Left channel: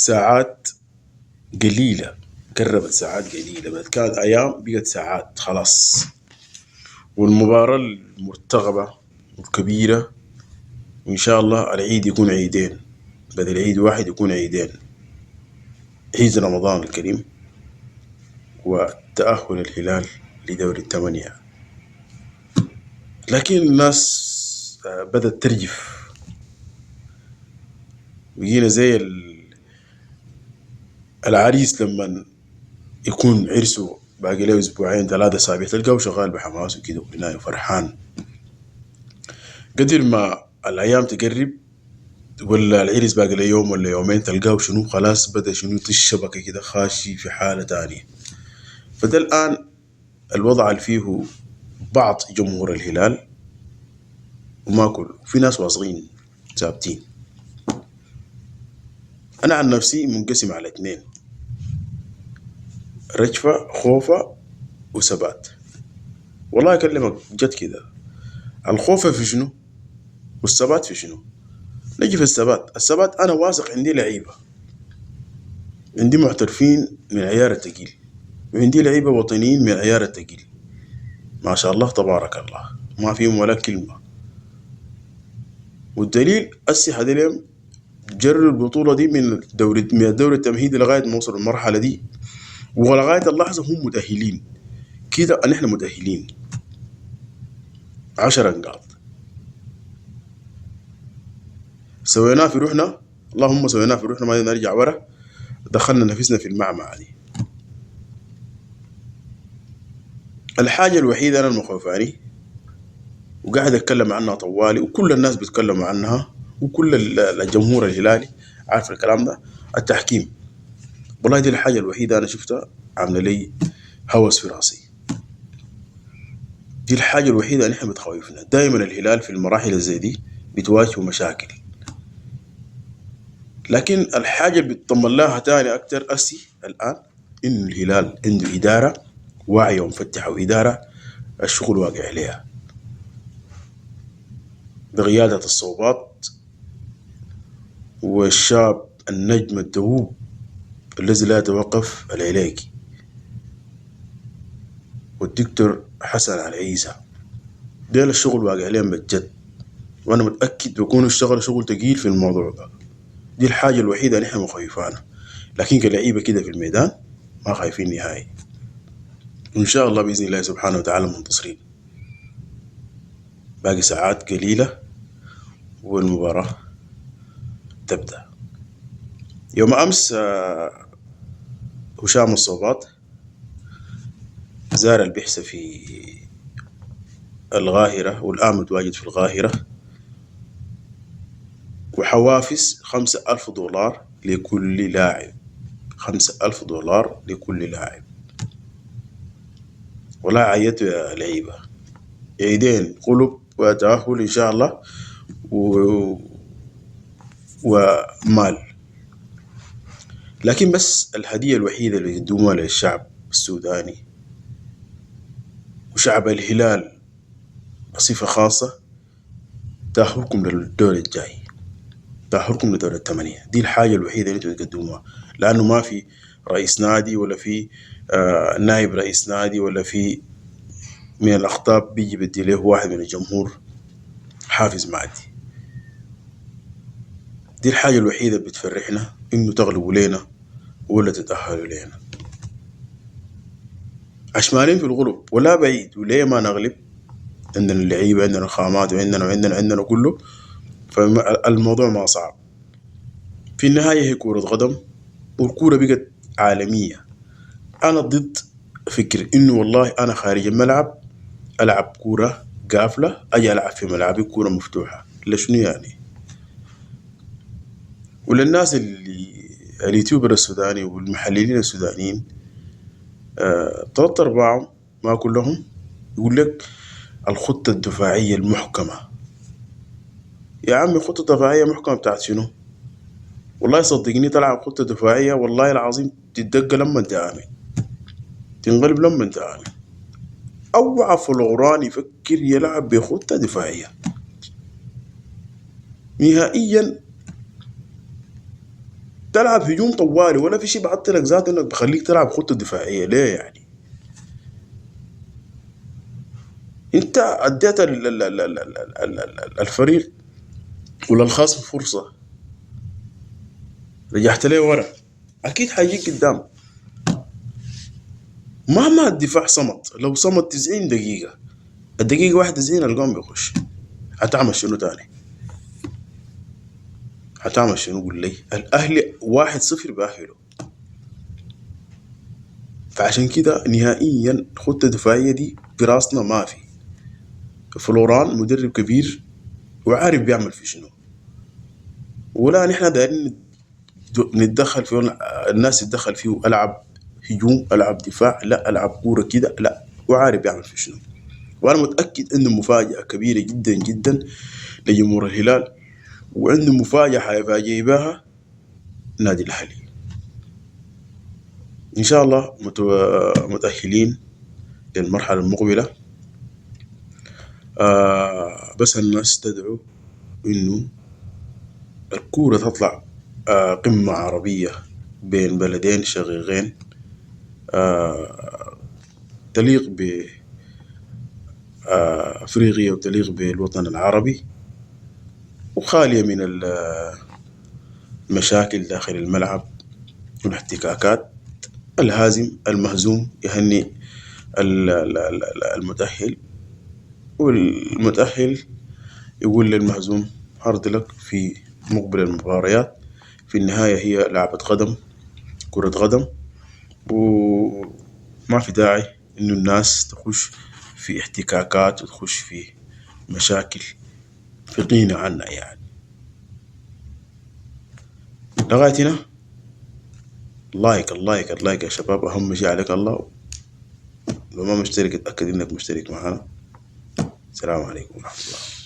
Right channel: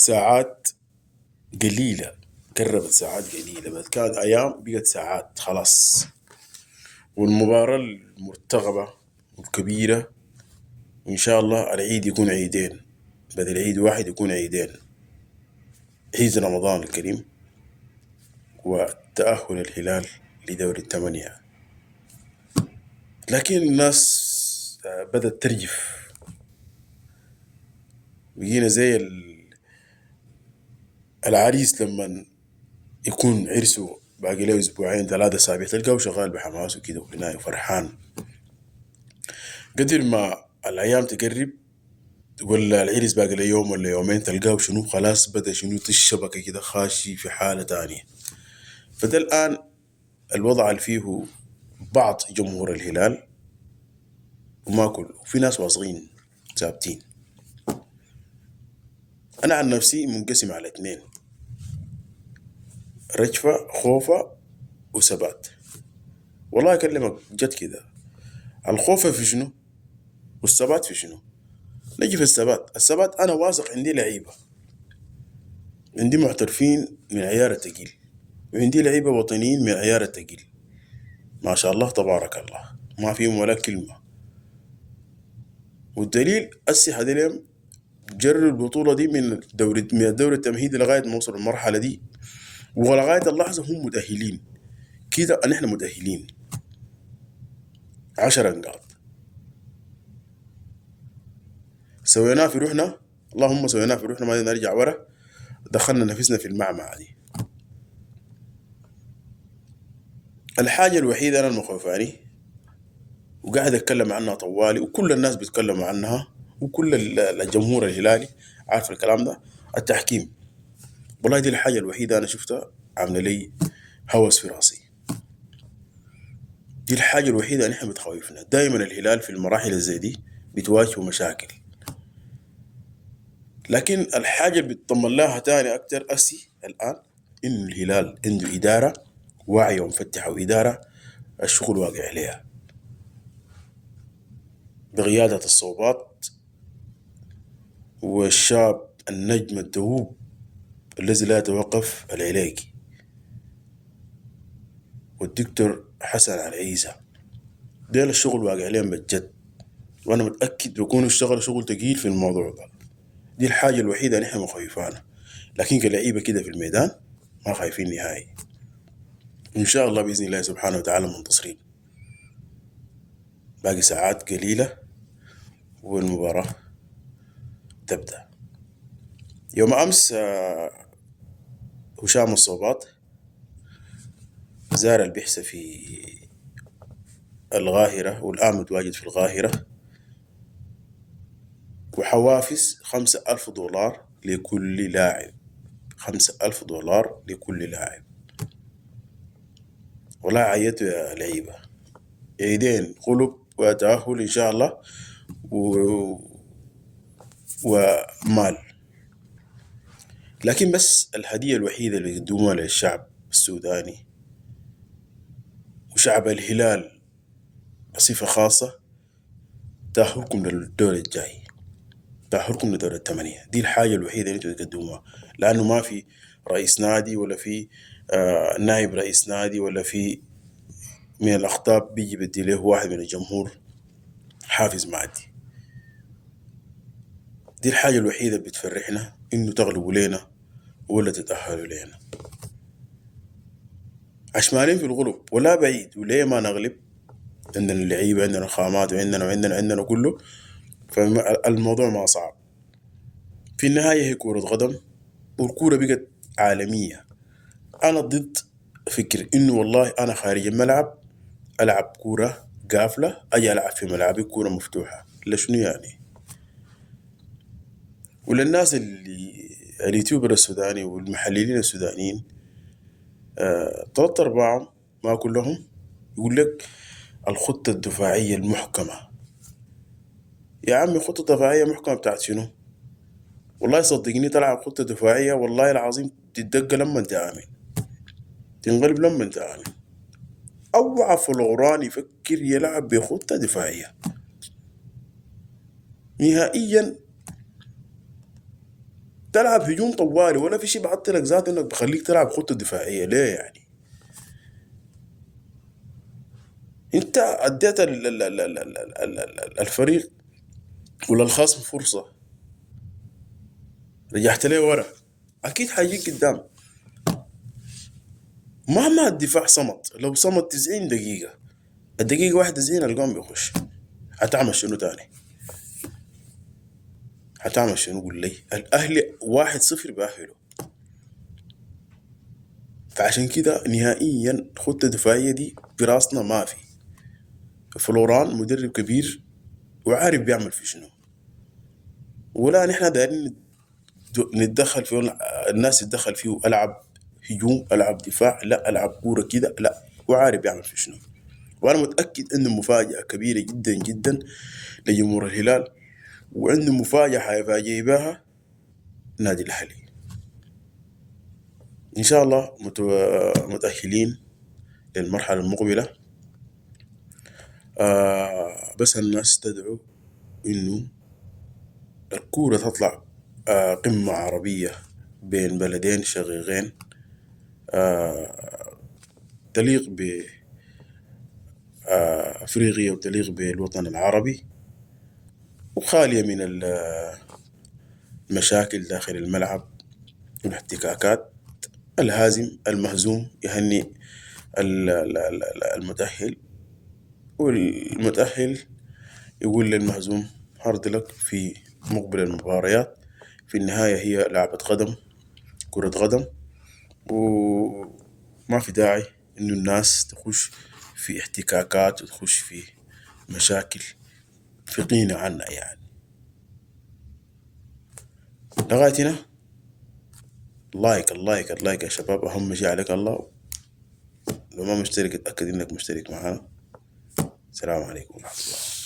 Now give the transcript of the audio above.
ساعات قليلة، قربت ساعات قليلة، بعد كانت أيام بقت ساعات خلاص. والمباراة المرتقبة والكبيرة إن شاء الله العيد يكون عيدين، بدل عيد واحد يكون عيدين، عيد رمضان الكريم وتأهل الهلال لدور الثمانية. لكن الناس بدأت ترجف، بقينا زي العريس لما يكون عرسه باقي له اسبوعين ثلاثة اسابيع تلقاه شغال بحماسه كده وهنا فرحان. قدر ما الايام تقرب ولا العرس باقي له يوم ولا يومين تلقاه شنو خلاص بدا شنو الشبكة كده خاشي في حالة تانية. فده الآن الوضع اللي فيه بعض جمهور الهلال وما كله، في ناس واصغين ثابتين. أنا عن نفسي منقسم على اتنين، رجفة خوفة وثبات. والله أكلمك جد كده، الخوف في شنو والثبات في شنو؟ نجي في الثبات أنا واثق عندي لعيبة، عندي محترفين من العيار التقيل، وعندي لعيبة وطنيين من العيار التقيل ما شاء الله تبارك الله، ما فيهم ولا كلمة. والدليل أسي حدلهم جروا البطولة دي من الدوري التمهيدي لغاية ما وصلوا المرحلة دي، ولغاية اللحظة هم متأهلين كده. نحن متأهلين 10 نقاط سويناه في روحنا، اللهم سويناه في روحنا ما نرجع ورا، دخلنا نفسنا في المعمعة دي. الحاجة الوحيدة أنا المخوفاني وقاعد أتكلم عنها طوالي وكل الناس بيتكلموا عنها وكل الجمهور الهلالي عارف الكلام ده، التحكيم. والله دي الحاجة الوحيدة أنا شفتها عاملة لي هوس في راسي. دي الحاجة الوحيدة اللي احنا بتخوفنا. دائما الهلال في المراحل زي دي بتواجهوا مشاكل، لكن الحاجة اللي بتطمن لها تاني أكتر أسي الآن إنه الهلال عنده إدارة واعية ومفتحة، وإدارة الشغل واقع عليها بقيادة الصوبات والشاب النجم الدؤوب الذي لا يتوقف العلايقي والدكتور حسن العيسى. ديل الشغل واقع عليهم بجد، وأنا متأكد بيكونوا اشتغلوا شغل تقيل في الموضوع ده. دي الحاجة الوحيدة اللي احنا مخيفانا، لكن كلعيبة كده في الميدان ما خايفين نهائي. وإن شاء الله بإذن الله سبحانه وتعالى منتصرين. باقي ساعات قليلة والمباراة تبدأ. يوم أمس هشام الصوبات زار البحث في القاهرة والآن متواجد في القاهرة، وحوافز 5000 دولار لكل لاعب، 5000 دولار لكل لاعب. ولا عيت يا لعيبة، عيدين قلب وتأهل إن شاء الله ومال. لكن بس الهدية الوحيدة اللي يقدموها للشعب السوداني وشعب الهلال بصفة خاصة تأهلكم للدور الجاي، تأهلكم لدور الثمانية. دي الحاجة الوحيدة اللي انتوا تقدموها، لأنه ما في رئيس نادي ولا في نائب رئيس نادي ولا في من الأخطاب بيجي بدي له واحد من الجمهور حافز مادي. دي الحاجة الوحيدة بتفرحنا، إنه تغلبوا لينا ولا تتأهلوا لينا. عشمانين في الغلب ولا بعيد، وليه ما نغلب؟ عندنا اللعيبة، عندنا الخامات، وعندنا كله، فالموضوع ما صعب. في النهاية هي كرة قدم، والكورة بقت عالمية. أنا ضد فكر إنه والله أنا خارج الملعب ألعب كورة قافلة أجي ألعب في ملعبي كورة مفتوحة، لشنو يعني؟ وللناس اللي اليوتيوبر السوداني والمحللين السودانيين طلعت أرباعهم ما كلهم يقول لك الخطة الدفاعية المحكمة. يا عمي خطة دفاعية محكمة بتاعت شنو؟ والله صدقني تلعب خطة دفاعية والله العظيم تتدق لما انت عامل، تنقلب لما انت عامل. اوعى فلغران يفكر يلعب بخطة دفاعية نهائيا. تلعب هجوم طوالي، ولا في شيء بحط لك ذاته انك بخليك تلعب خطه دفاعيه ليه يعني؟ انت اديت الفريق ولا الخصم فرصه، رجعت ليه ورا، اكيد حيجيك قدام. مهما الدفاع صمت، لو صمت 90 دقيقه، الدقيقه 91 الجون بيخش، هتعمل شنو تاني؟ هتعمل شنو؟ قول لي. الاهلي 1-0 باهله. فعشان كده نهائيا خطه دفاعيه دي براسنا ما في. فلوران مدرب كبير وعارف بيعمل في شنو، ولا نحن دايرين نتدخل فيه، الناس يتدخل فيه. العب هجوم، العب دفاع، لا العب كوره كده، لا. وعارف بيعمل في شنو. وانا متاكد انه مفاجاه كبيره جدا جدا لجمهور الهلال، وعنده مفاجاه حيفاجئ بها نادي الاهلي. ان شاء الله متاهلين للمرحله المقبله. بس الناس تدعو انه الكوره تطلع قمه عربيه بين بلدين شقيقين، تليق بأفريقيا وتليق بالوطن العربي، وخالية من المشاكل داخل الملعب والاحتكاكات. الهازم المهزوم يهني المتأهل، والمتأهل يقول للمهزوم هارد لك في مقبل المباريات. في النهاية هي لعبة قدم، كرة قدم، وما في داعي إنه الناس تخش في احتكاكات وتخش في مشاكل في غنى عنا يعني. لغاية هنا، اللايك يا شباب، أهم شيء عليك الله. لو ما مشترك اتأكد إنك مشترك معنا. السلام عليكم ورحمة الله.